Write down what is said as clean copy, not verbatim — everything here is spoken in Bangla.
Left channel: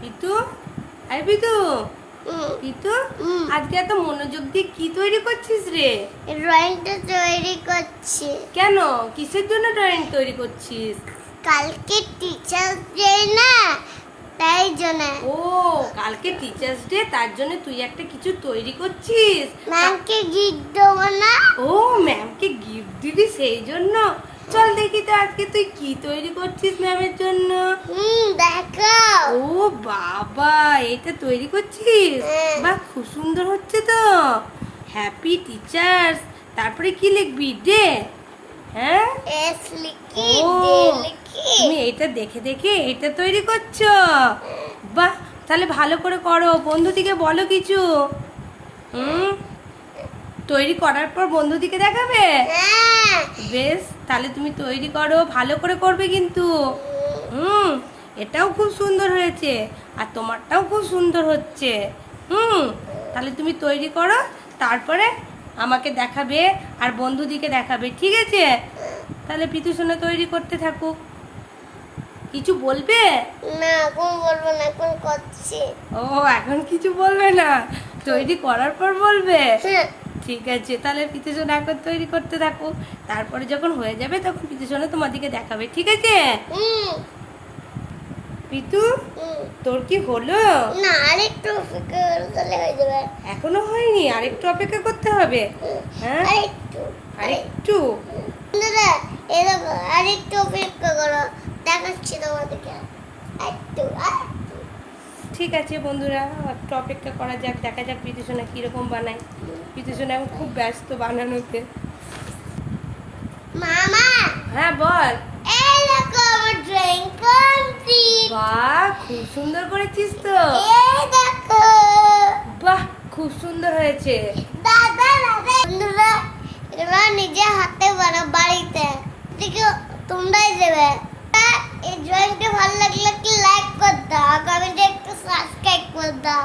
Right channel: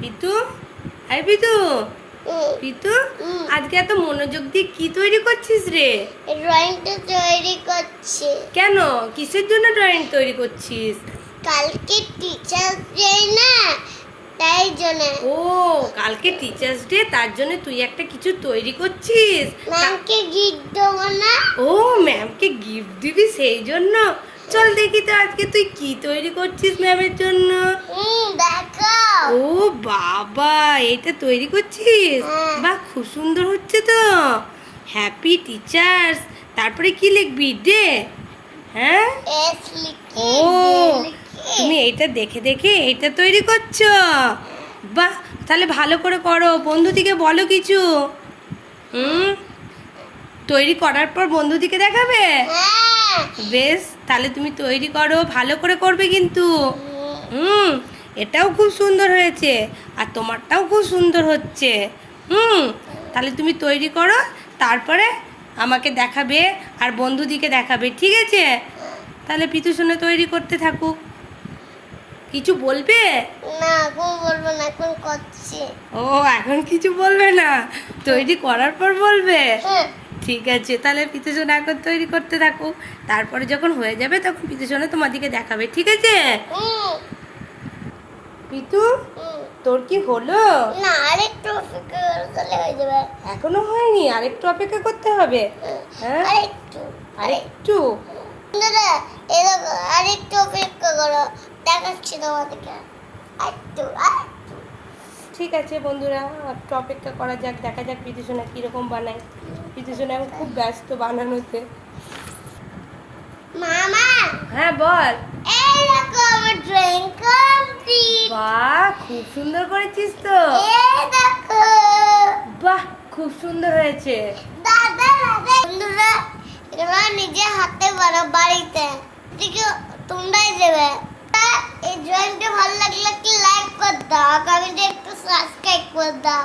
পিতু, আরে পিতু, পিতু আজকে এত মনোযোগ দিয়ে কি তৈরি করছিস রে? ড্রয়িংটা তৈরি করছি। কেন, কিসের জন্য ড্রয়িং তৈরি করছিস? কালকে টিচার্স ডে না, তাই জন্য। ও, কালকে টিচার্স ডে, তার জন্য তুই একটা কিছু তৈরি করছিস। ম্যামকে গিফট দেবো না? ও, ম্যামকে গিফট দিবি সেই জন্য? চল দেখি তো আজকে তুই কি তৈরি করছিস ম্যামের জন্য। দেখো। ও বাবা, এটা তৈরি করছিস? হ্যাঁ। বাহ, খুব সুন্দর হচ্ছে তো। হ্যাপি টিচার্স, তারপরে কি লিখবি? ডে? হ্যাঁ, এস লিখি, ও ডে লিখি। তুমি এইটা দেখে দেখে এটা তৈরি করছো? বাহ, তাহলে ভালো করে করো, বন্ধুদিকে বলো কিছু। তৈরি করার পর বন্ধুদিকে দেখাবে? হ্যাঁ। বেশ, তাহলে তুমি তৈরি করো, ভালো করে করবে কিন্তু। এটাও খুব সুন্দর হয়েছে, আর তোমারটাও খুব সুন্দর হচ্ছে। তাহলে তুমি তৈরি করো, তারপরে আমাকে দেখাবে আর বন্ধুদিকে দেখাবে, ঠিক আছে? তাহলে পিতু সোনা তৈরি করতে থাকুক। কিছু বলবে? না, এখন বলবো না, এখন করছি। ও, এখন কিছু বলবে না, তৈরি করার পর বলবে? হ্যাঁ। ঠিক আছে, তাহলে পিতু সোনা এখন তৈরি করতে থাকুক, তারপরে যখন হয়ে যাবে তখন পিতু সোনা তোমার দিকে দেখাবে, ঠিক আছে? পিতু, তোর কি হলো? না, আরেকটু অপেক্ষা করলে হয়ে যাবে। এখনো হয়নি, আরেকটু অপেক্ষা করতে হবে। হ্যাঁ, আরেকটু। আরেকটু। বন্ধুরা, এরকম আরেকটু অপেক্ষা করো, দেখাচ্ছি তোমাদেরকে। আরেকটু, আরেকটু। ঠিক আছে বন্ধুরা, একটু অপেক্ষা করা যাক, দেখা যাক পিতু সোনা কিরকম বানায়। পিতু সোনা এখন খুব ব্যস্ত বানানোতে। মামা, হ্যাঁ বল। এই দেখো আমার ড্রয়িং কমপ্লিট। বাহ, খুব সুন্দর করেছিস তো। এই দেখো। বাহ, খুব সুন্দর হয়েছে। দাদা দাদা, বন্ধুরা এগুলো নিজে হাতে বানাও বাড়িতে, এদিকে তোমরাই দেবে। এই ড্রয়িংটা ভালো লাগলে কি লাইক করে দাও, কমেন্টে একটু সাবস্ক্রাইব করে দাও।